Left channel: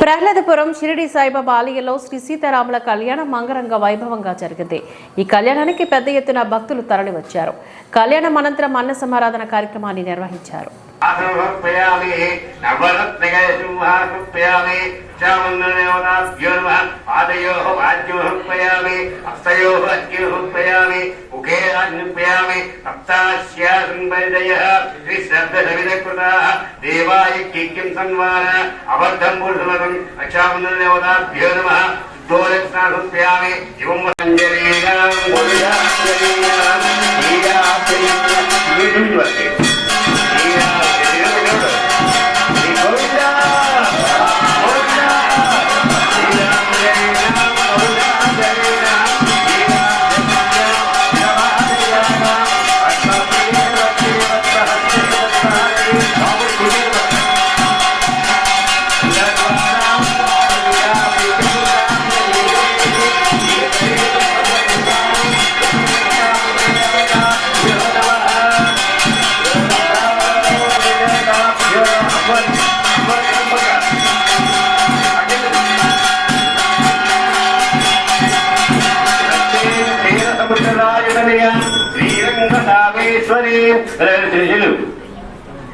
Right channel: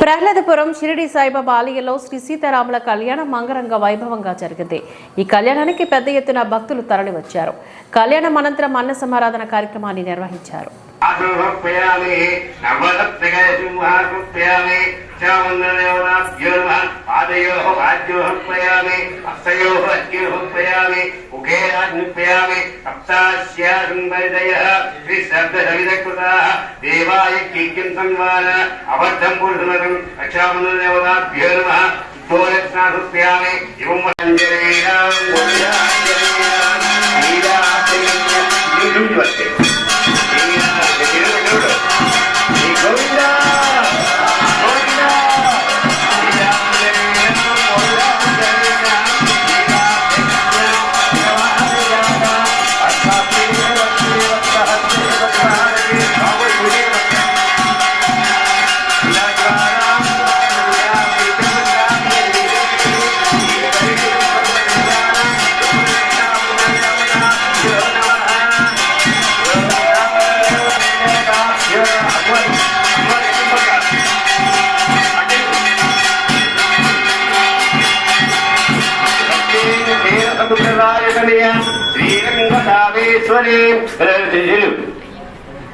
ప్రహ్లాదపురం షిరిడి సాయిబాబా ఆలయంలో శ్రీ సీతారాముల కళ్యాణం అంగరంగ వైభవంగా జరిగింది. ఈ కళ్యాణానికి పెద్ద ఎత్తున భక్తులు తరలివచ్చారు. కళ్యాణం అనంతరం అన్న సమారాధన కార్యక్రమాన్ని నిర్వహించారు.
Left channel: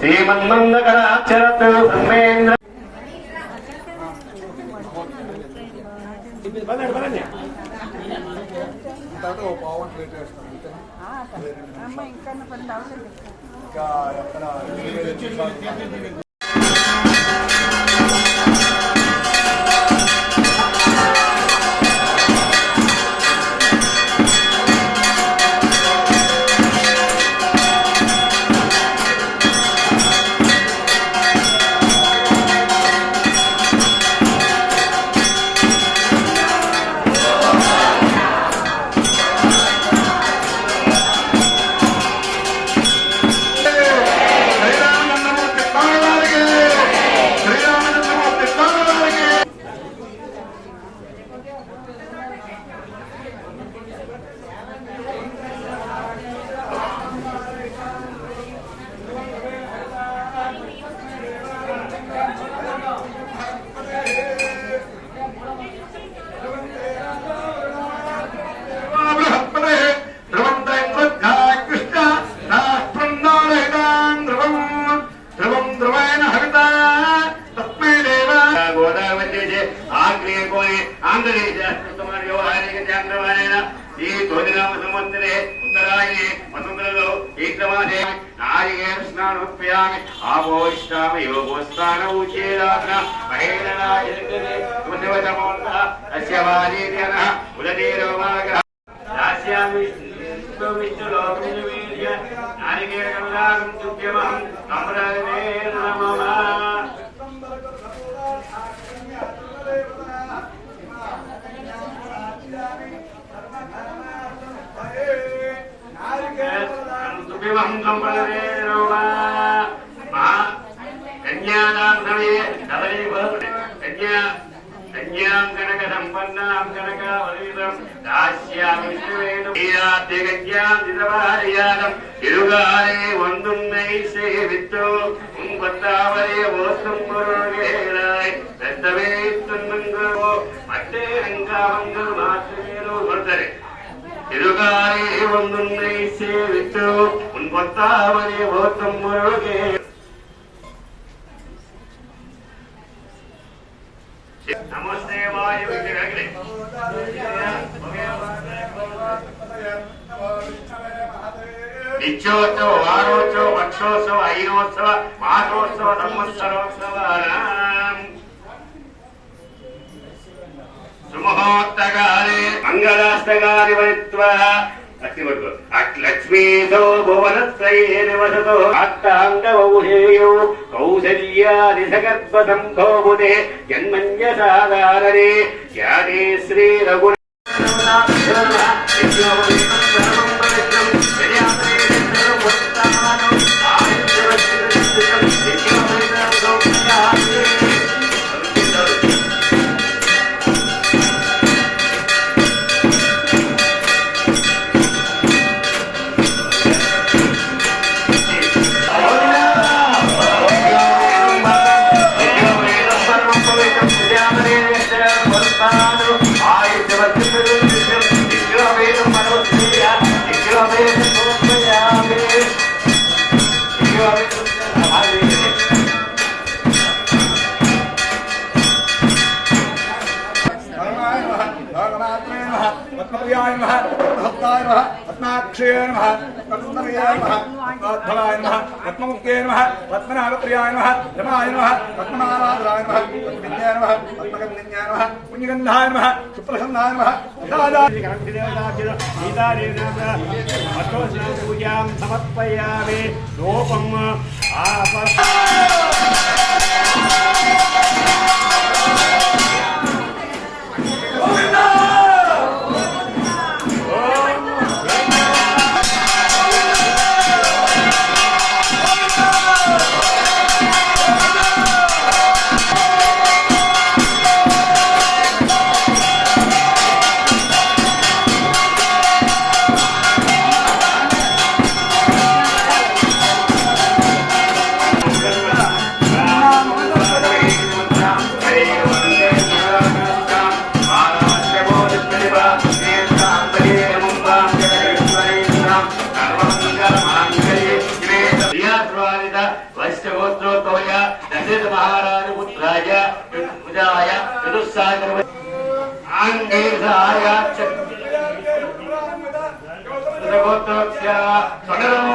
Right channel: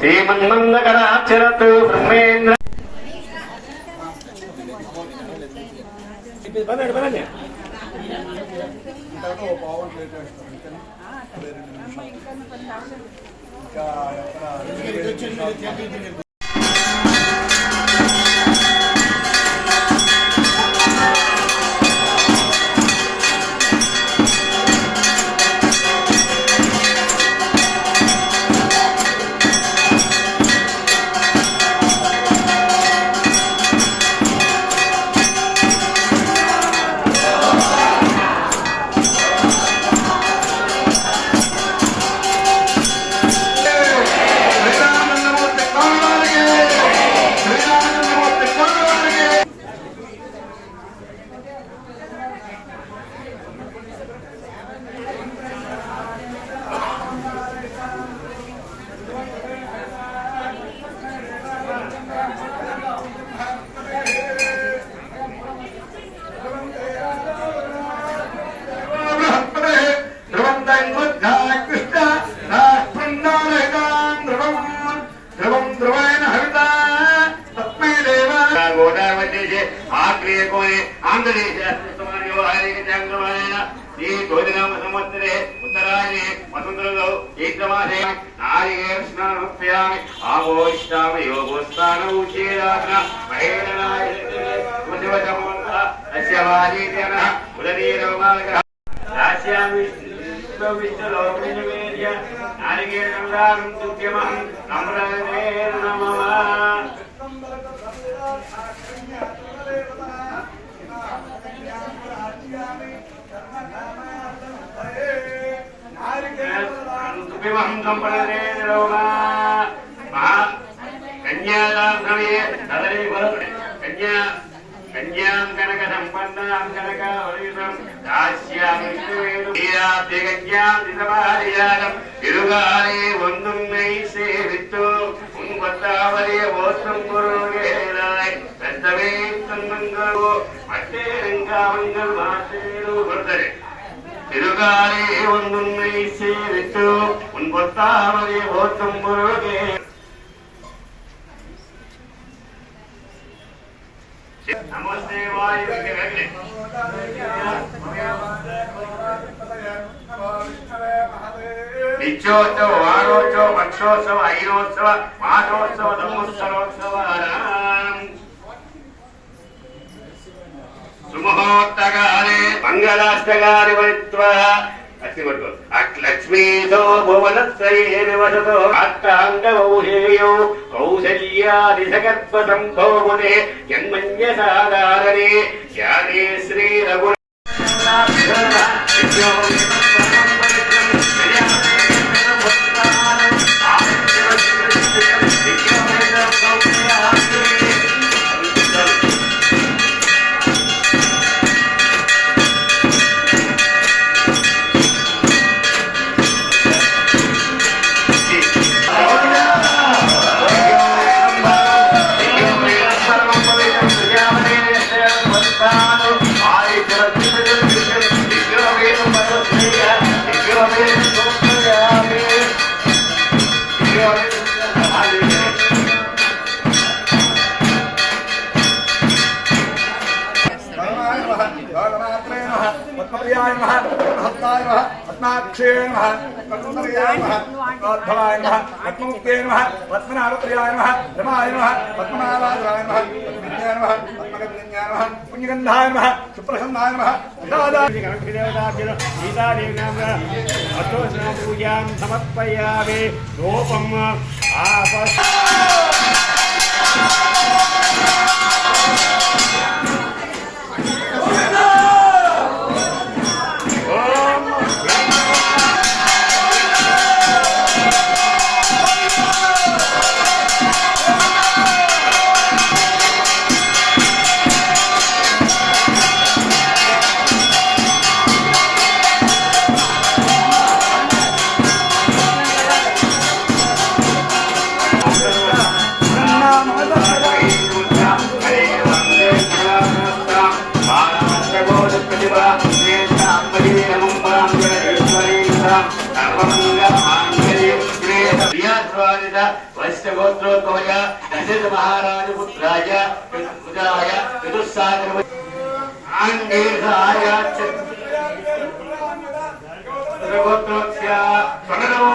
శ్రీమన్మంగళాక్షరత్ బ్రహ్మేంద్ర సంవత్సరే ఉత్తరాయణే వసుంధరలో చైత్రమాసే నారికేళ స్నానోపయామి ఆపోష్టామి యోగోస్థాన ఉచేరాసన మహేరణాయనమోంతః అస్య వాలీర్యన ఉదతీరోమాగ్రహ దాస్యామి విశ్వవిశ్వలోకమివేద్య నారికేళ కమలాకం తుభ్యమహం అమృతేన నమః. కన్యాం కనక సంపన్నాం కనకావలితం దాస్యామి కన్యాం దిదవారియాదం తిరుగాలే వందున్నై సేవితో ఉంగొత్తావరే ఓత్తం కొరగేరాయ్ దత్తవే తన్నంగో అట్టే రంగావంగల్ మాసేరు వర్ధనే తిరుగాలే వందున్నై సేవితో ఉంగొత్తావరే ఓత్తం కొరగే. నమస్తే వాయు నిత్యోత్సవ వారోత్సవ పక్షోత్సవ ఐనోత్సవ మాసోత్సవ సంవత్సరోత్సవ సుముహూర్తకాలే మంగళాష్టకాని వరిత్వా లక్ష్మీతో భువనత్రయే నివసతో అష్టాంగౌహేయో కౌసల్యాదిశగర్భ సంభోగునే జన్మన్యసాధారణే ధ్యానే శ్రీ రఘు పద్మప్రియాయ నమః పద్మహస్తాయ నమః పద్మాక్షే నమః పద్మసుందర్యాయ నమః పద్మోద్భవాయ నమః పద్మముఖ్యే నమః పద్మనాభప్రియాయ నమః రమాయ నమః పద్మనాభాయ నమః పద్మవిద్యాయ నమః పద్మగంధాయ నమః పుణ్యగంధాయ నమః సుప్రసన్నాయ నమః పూజాం సమర్పయామి రూపం వైశ్యగోత్రోద్భవయ దశరథ మహారాజ పుత్రాయ పుజాయ చతుస్సాగర ఆంగేశాయ చతుర్గోత్రోక్ష స్వర్ణరో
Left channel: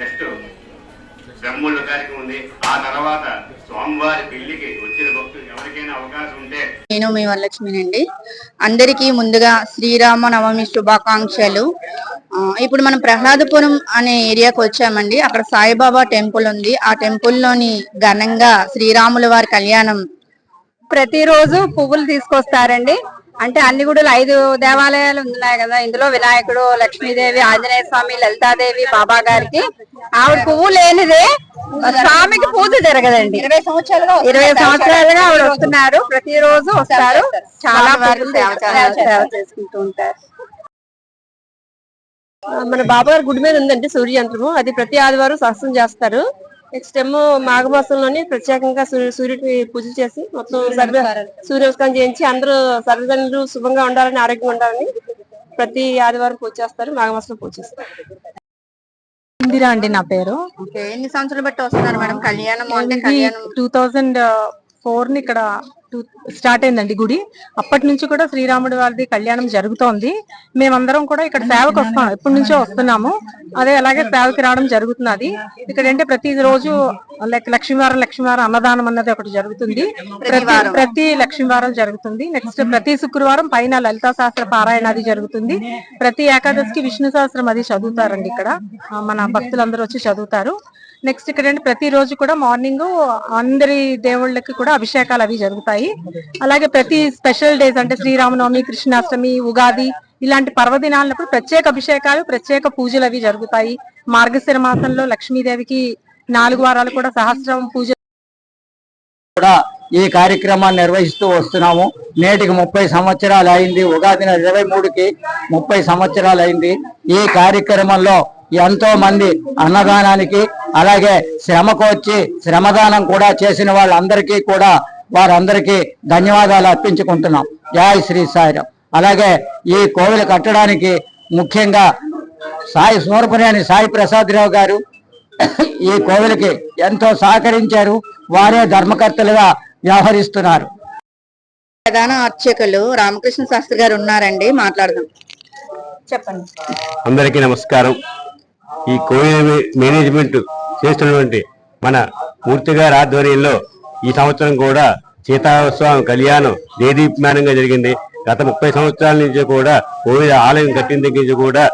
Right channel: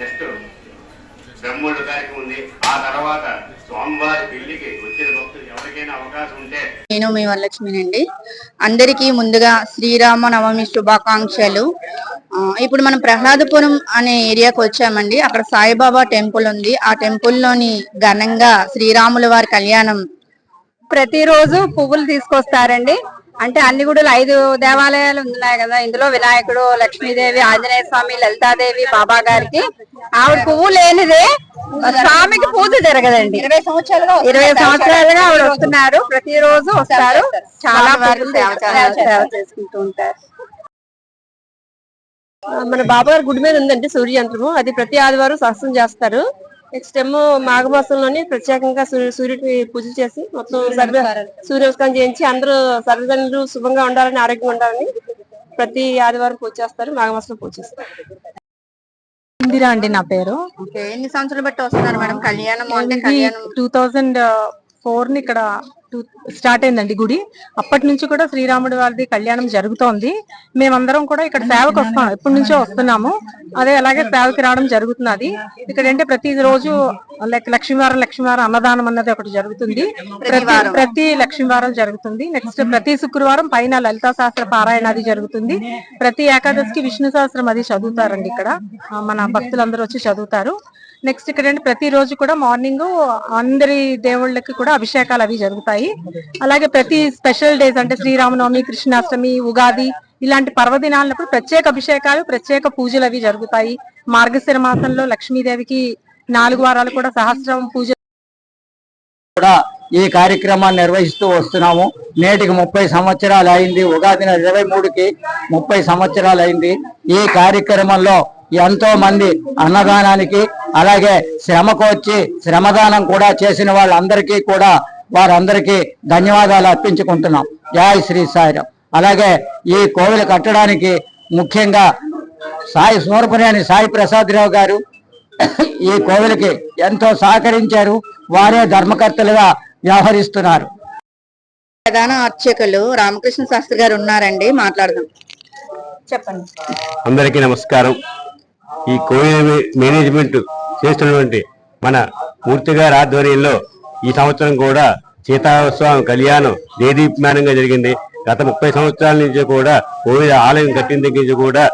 నెక్స్ట్ బ్రహ్మోళ్ళ కార్యక్రమం ఉంది. ఆ తర్వాత స్వామివారి పెళ్లికి వచ్చిన భక్తులు ఎవరికైనా అవకాశం ఉంటే. నేను మీ వరలక్ష్మినండి. అందరికీ ముందుగా శ్రీరామ నవమి శుభాకాంక్షలు. ఇప్పుడు మనం ప్రహ్లాదపురం అనే ఏరియాకి వచ్చామండి. అక్కడ సాయిబాబా టెంపుల్ ఉంది. ఆ టెంపుల్ లోని ఘనంగా శ్రీరాముల వారి కళ్యాణం ప్రతిరోజు పువ్వులు తీసుకొస్తారండి. అంటే అన్ని గుడులు 5 దేవాలయాలు ఉన్నాయి కదా, ఇందులో వినాయకుడు, లక్ష్మీదేవి, ఆంజనేయ స్వామి, లలితాదేవి, బాబా గారికి ఆవిడ పువ్వు లేనిదే స్వామికి పూజ జరగదండి. 20 సంవత్సరాలుగా ఆవిడ వస్తున్నారు, ప్రతిరోజు వస్తారు, చాలా సేవ చేసుకుంటూ ఉంటారు. మన బాబా గారి గుడి మీద ఉందండి సూర్య యంత్రము. అది ప్రతి ఆదివారం సత్సంగం చేస్తారు. నెక్స్ట్ ఏమో మాఘమాసంలోని ప్రత్యేకంగా సూర్యుడికి పూజ చేసి మొత్తం సూర్యనమస్కారం చేయించి అందరూ సర్వజనులు శుభంగా ఉండాలని, ఆరోగ్యంగా ఉండాలని ప్రతి ఆదివారం పూజ చేస్తారు. మాఘమాసంలో పూజ చేస్తారు. ఇందిరా అండి నా పేరు. ఓకే, ఎన్ని సంవత్సరాలు బట్టి వస్తున్నారు మేడం కళ్యాణం అంటే? కళ్యాణం 2004 ని ఇక్కడ స్టార్ట్ అయిందండి గుడి. అప్పటి నుంచి కూడా శ్రీరాముడి వారిది కళ్యాణం జరుగుతోంది. మేమందరం కూడా ఇక్కడ సేవకు వస్తాం, ఎప్పటి నుంచో వస్తున్నాము. అదే అలాగే సేవకి రావడం జరుగుతున్నది. ఇక్కడ అంటే ప్రతి రోజు లక్ష్మీవారం అన్నదానం అన్నది ఒకటి జరుగుతుంది. ప్రతి లక్ష్మీవారం జరుగుతుంది. నెక్స్ట్ ప్రతి శుక్రవారం పైన లలితా శాస్త్ర పారాయణ అది జరుగుతుంది. ప్రతి ఏకాదశికి విష్ణు సహస్రం అది చదువుతారండి. ఇక్కడ మన భక్తులందరూ వచ్చి చదువుతారు. నెక్స్ట్ ఇక్కడ ప్రతి రోజు కూడా మార్నింగ్ అందరి దేవుళ్ళకి కూడా అభిషేకాలు అవి జరుగుతాయి. అలాగే ప్రతి స్పెషల్ డేస్ అంటే శ్రీరామనవమి, కృష్ణాష్టమి, ఉగాది ఇలాంటి పర్వదినాలప్పుడు ప్రత్యేక అభిషేకాలు, ప్రత్యేక పూజలు అవి జరుగుతాయి. మార్గశిర మాసంలో లక్ష్మీదేవికి 4 వారాలు కూడా సహస్రం పూజ కూడా ఈ కార్యక్రమాన్ని నిర్వహిస్తూ వస్తున్నాము. నేటికి 30 సంవత్సరాలు అయింది. ఉగాది 23కి 30 సంవత్సరాలు అయింది. ఈ కార్యక్రమంలో ఎంతో మంది అన్నదానానికి అలాగే శ్రమకు వచ్చి శ్రమదానం కూడా చేసిన వాళ్ళందరికీ కూడా వారందరికీ ధన్యవాదాలు అర్పించుకుంటున్నాం. జై శ్రీ సాయిరాం. అలాగే ఈ కోవిల కట్టడానికి ముఖ్యంగా సాయి సూరపనేని సాయి ప్రసాద్ రావు గారు ఈ కోవిలకి ఎంతో సహకరించారు. వారే ధర్మకర్తలుగా వ్యవహరిస్తున్నారు. ప్రధాన అర్చకులు రామకృష్ణ శాస్త్రి గారు ఉన్నారండి, మాట్లాడదాం. చెప్పండి. అందరికీ నమస్కారం. ఈ కోవిల్ మేనేజ్మెంట్ చేస్తున్నటువంటి మన మూర్తి గారి ఆధ్వర్యంలో ఈ సంవత్సరం కూడా సీతాస్వామి కళ్యాణం దేదీప్యమానంగా జరిగింది. గత 30 సంవత్సరాల నుంచి కూడా కోవిల్ ఆలయం కట్టిన దగ్గర నుంచి కూడా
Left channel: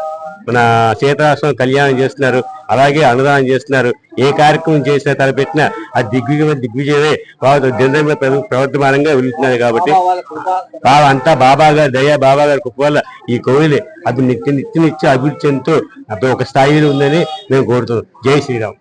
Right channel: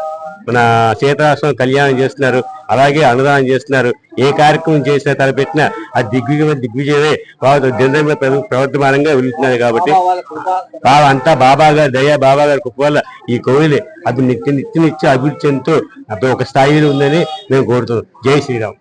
మన సీతాస్వామి కళ్యాణం చేస్తున్నారు. అలాగే అన్నదానం చేస్తున్నారు. ఏ కార్యక్రమం చేసినా తలపెట్టినా అది దిగ్విజయమే ప్రవర్తమానంగా వెళ్తున్నారు. కాబట్టి అంతా బాబా గారి దయ, బాబా గారి కృప వల్ల ఈ కోవిలి అది నిత్య అభివృద్ధి చెందుతూ ఒక స్థాయిలో ఉందని మేము కోరుతున్నాం. జై శ్రీరామ్.